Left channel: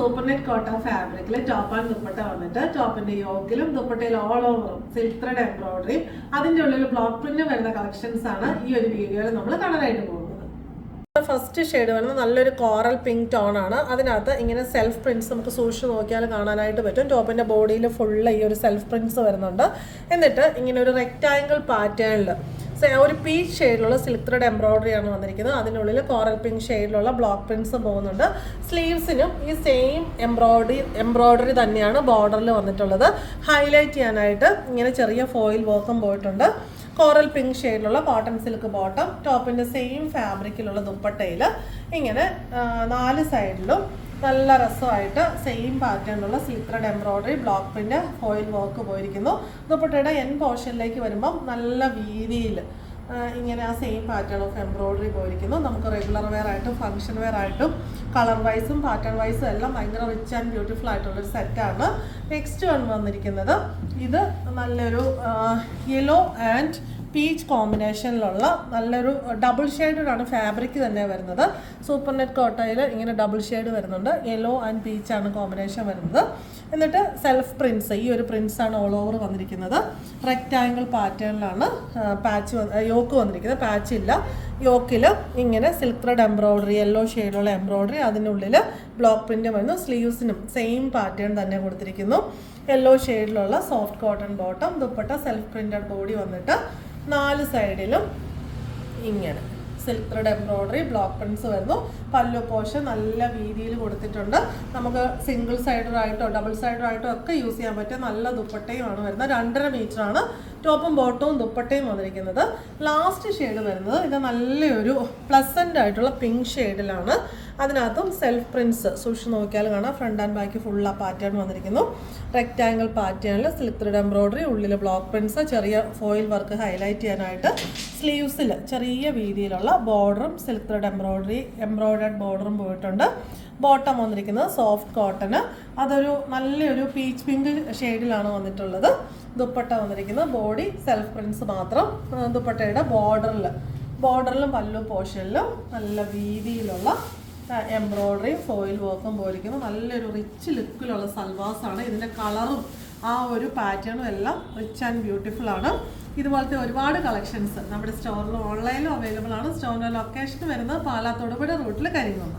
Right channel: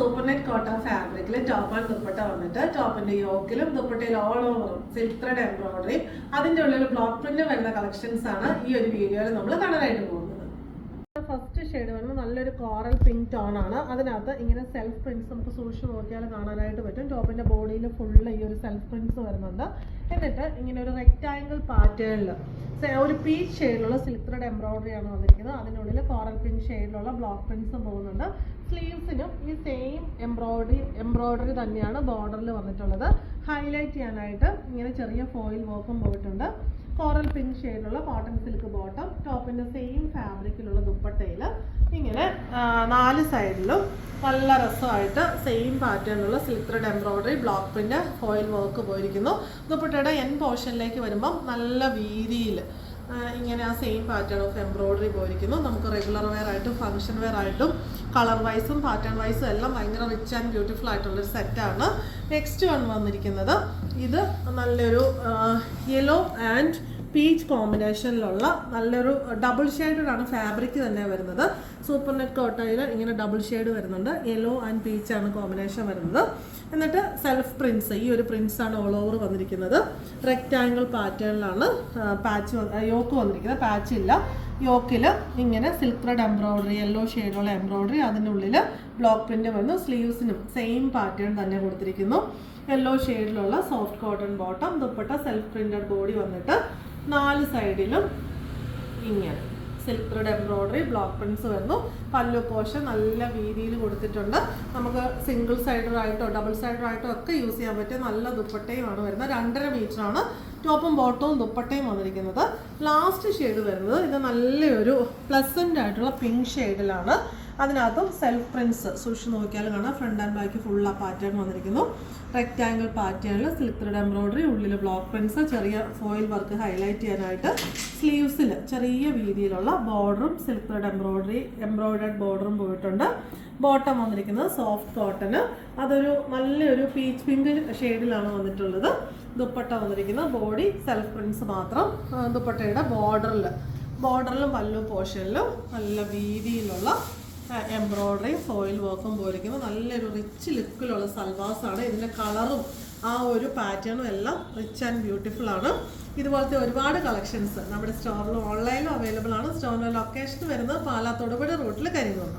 Super net cotton ഫാബ്രിക്കിൽ top and dupatta വന്നിട്ട് ടോപ്പിന്റെ യോക്കിലും ദുപ്പട്ടയിൽ ഓൾ ഓവറും സിൽക്ക് ത്രെഡ് എംബ്രോയിഡറിയും അതിന്റെ ഉള്ളിൽ ബ്ലോക്ക് പ്രിന്റ് വരുന്ന കളക്ഷൻസ് ആണ് ഈ ഒരു വീഡിയോയിൽ നമ്മൾ കാണാനായിട്ട് പോകുന്നത്. ഫസ്റ്റ് ഷെയ്ഡ് വരുന്നത് നല്ലൊരു കോറൽ പിങ്ക് ടോൺ ആണ്. അതിനകത്ത് ഇങ്ങനെ സെൽഫ് പ്രിന്റ്സ് നമുക്ക് സൂക്ഷിച്ച് നോക്കിയാൽ കാണാനായിട്ട് പറ്റും. ടോപ്പിന്റെ ബോഡിയിൽ ഫുള്ള് ഈ ഒരു സെൽഫ് പ്രിന്റ്സ് വരുന്നുണ്ട്. എന്നിട്ട് ഇങ്ങനെ ഒരു റെക്റ്റാങ്കിൾ പാറ്റേണിൽ ഒരു പീച്ച് ഷെയ്ഡിലുള്ള സിൽക്ക് ത്രെഡ് എംബ്രോയിഡറി ആണ് വന്നിരിക്കുന്നത്. അതിനുള്ളിൽ കോറൽ പിങ്ക് ഷെയ്ഡിലുള്ള ബ്ലോക്ക് പ്രിന്റ്സ് പോകുന്നുണ്ട്. സ്ലീവ്സിനും ഈ സെയിം എംബ്രോയിഡറി തന്നെയാണ് ബോർഡറിൽ വന്നിട്ടുള്ളത്. ഹൈലൈറ്റ് ചെയ്യാനായിട്ട് ഇങ്ങനെ ചെറിയ ഫോയിൽ വർക്കും പോയിട്ടുണ്ട്. കോറൽ പിങ്ക് ഷെയ്ഡിലുള്ള കോട്ടൺ സിൽക്ക് ബോട്ടം, ടോപ്പിൻ്റെ സെയിം ഫാബ്രിക്കിലുള്ള ദുപ്പട്ടയിൽ ഇങ്ങനെ 4 സൈഡിലും നല്ല രസമായിട്ട് സെയിം പാറ്റേണിലുള്ള silk thread embroidery block print foil work പോയിരിക്കുന്നു. ദുപ്പട്ടയുടെ എൻ പോർഷനിലേക്ക് വരുമ്പം നല്ല വീതിയിൽ ഇങ്ങനെ ആ സെയിം പാറ്റേൺ ഓഫ് എംബ്രോയിഡറി പോയിരിക്കുന്നു. നമുക്ക് റെഗുലർ വെയർ ആയിട്ടും ഫംഗ്ഷൻ വെയർ ആയിട്ടും കളർ വൈസും പാറ്റേൺ വൈസും എല്ലാം ഭയങ്കര റിച്ച് ആൻഡ് ബ്യൂട്ടിഫുൾ ആയിട്ടുള്ളൊരു സെറ്റാണ്. നെക്സ്റ്റ് വന്നിരിക്കുന്നത് ഇത് നല്ലൊരു യെല്ലോ ആൻഡ് പീച്ച് കോമ്പിനേഷനിലുള്ള നല്ലൊരു ഡബിൾ ഷെയ്ഡാണ് ഫാബ്രിക് തന്നെ വരുന്നത്. സൂപ്പർ നെറ്റ് കോട്ടയിൽ ഇങ്ങനെ ഡബിൾ ഷെയ്ഡ് വരുന്നുണ്ട്. യെല്ലോ ആൻഡ് പീച്ചാണ് കോമ്പിനേഷൻ വരുന്നത്. എന്നിട്ട് സെൽഫ് പ്രിൻസ്, ഈ ഒരു പ്രിൻസാണ് ഓൾ ഓവർ വന്നിരിക്കുന്നത്. റെക്റ്റാങ്കിൾ പാറ്റേണിലാണ് യോക്ക് വന്നിരിക്കുന്നത്. പാച്ച് ഇല്ല. യോക്കിൽ ഇങ്ങനെ സിൽക്ക് ത്രെഡ് എംബ്രോയിഡറി, യെല്ലോ ഷെയ്ഡുള്ള എംബ്രോയിഡറി, അതിനുള്ളിൽ ബ്ലോക്ക് പ്രിന്റ് വരുന്നു. സ്ലീവ്സിനും സെയിം പാറ്റേൺ തന്നെ കൊടുത്തിരിക്കുന്നു. യെല്ലോ ഷെയ്ഡിലുള്ള soft cotton bottom, dupatta self printed body വന്നിട്ട് 4 സൈഡിലും ഇങ്ങനെ silk thread embroidery block prints വരുന്നു. പല്ലു പോർഷൻ നല്ല വീതിയിൽ കൊടുത്തിട്ടുണ്ട്. നമുക്ക് സിംഗിൾ സൈഡറായിട്ടോ ഡബിൾ സൈഡറായിട്ടോ ഒക്കെ യൂസ് ചെയ്യാൻ പറ്റിയ നല്ല ദുപ്പട്ടയുമാണ് വരുന്നത്. 2.5 മീറ്ററാണ് ടോപ്പും ബോട്ടവും ദുപ്പട്ടയും വന്നിരിക്കുന്നത്. ലാസ്റ്റ് ഷെയ്ഡ് വരുന്നത് ഇത് നല്ലൊരു പ്ലസൻ്റ് ആയിട്ടുള്ള പിങ്ക് ഷെയ്ഡിലാണ്. അതിനകത്തും സെൽഫ് പ്രിൻസ് സൂക്ഷിച്ച് നോക്കിയാൽ കാണാം. ഫ്രണ്ട് ആൻഡ് ബാക്ക് ഫുൾ ആ പാറ്റേൺ വന്നിരിക്കുന്നു. റെക്റ്റാങ്കിൾ പാറ്റേണിൽ സിൽക്ക് ത്രെഡ് എംബ്രോയിഡറി, ഉള്ളിൽ ബ്ലോക്ക് പ്രിൻസ്, ചെറിയ ഫോയിൽ വർക്ക് ഹൈലൈറ്റ് ചെയ്യാനായിട്ട് സ്ലീവ്സിൽ ചെറിയ വീതിയിലുള്ള ബോർഡറും സിൽക്ക് ത്രെഡ് എംബ്രോയിഡേഡ് ബോർഡറും പോയിട്ടുണ്ട്. ബോട്ടം വന്നിരിക്കുന്നത് സോഫ്റ്റ് കോട്ടന്, അതൊരു നല്ലൊരു പീച്ച് പിങ്ക് ഷെയ്ഡിലാണ് വന്നിട്ടുള്ളത്. ദുപ്പട്ട വന്നിരിക്കുന്നത് ബോഡി സെൽഫ് പ്രിൻസ് മാത്രം. ദുപ്പട്ടയുടെ ബോർഡറിലും പല്ലു പോർഷനിലും നല്ല വീതിയിലുള്ള എംബ്രോയിഡറി ഫോയിൽ വർക്കും പോയിരിക്കുന്നു. നല്ലൊരു റിച്ച് ലുക്കിലുള്ള സൽവാസാണ്. ഇതിൻ്റെ കളറും ആ ഒരു പാറ്റേണും എല്ലാം റിച്ച് ആൻഡ് ബ്യൂട്ടിഫുൾ ആണ്. ഇതുപോലത്തെ ഒരുപാട് കളക്ഷൻസ് നമ്മുടെ സ്റ്റോറിലും ഓൺലൈനിലും അവൈലബിൾ ആണ്. സ്റ്റോറിൻ്റെ ലൊക്കേഷൻ വരുന്നത് പാലാ തൊടുപുഴ റൂട്ടിൽ കരിങ്ങുന്നു.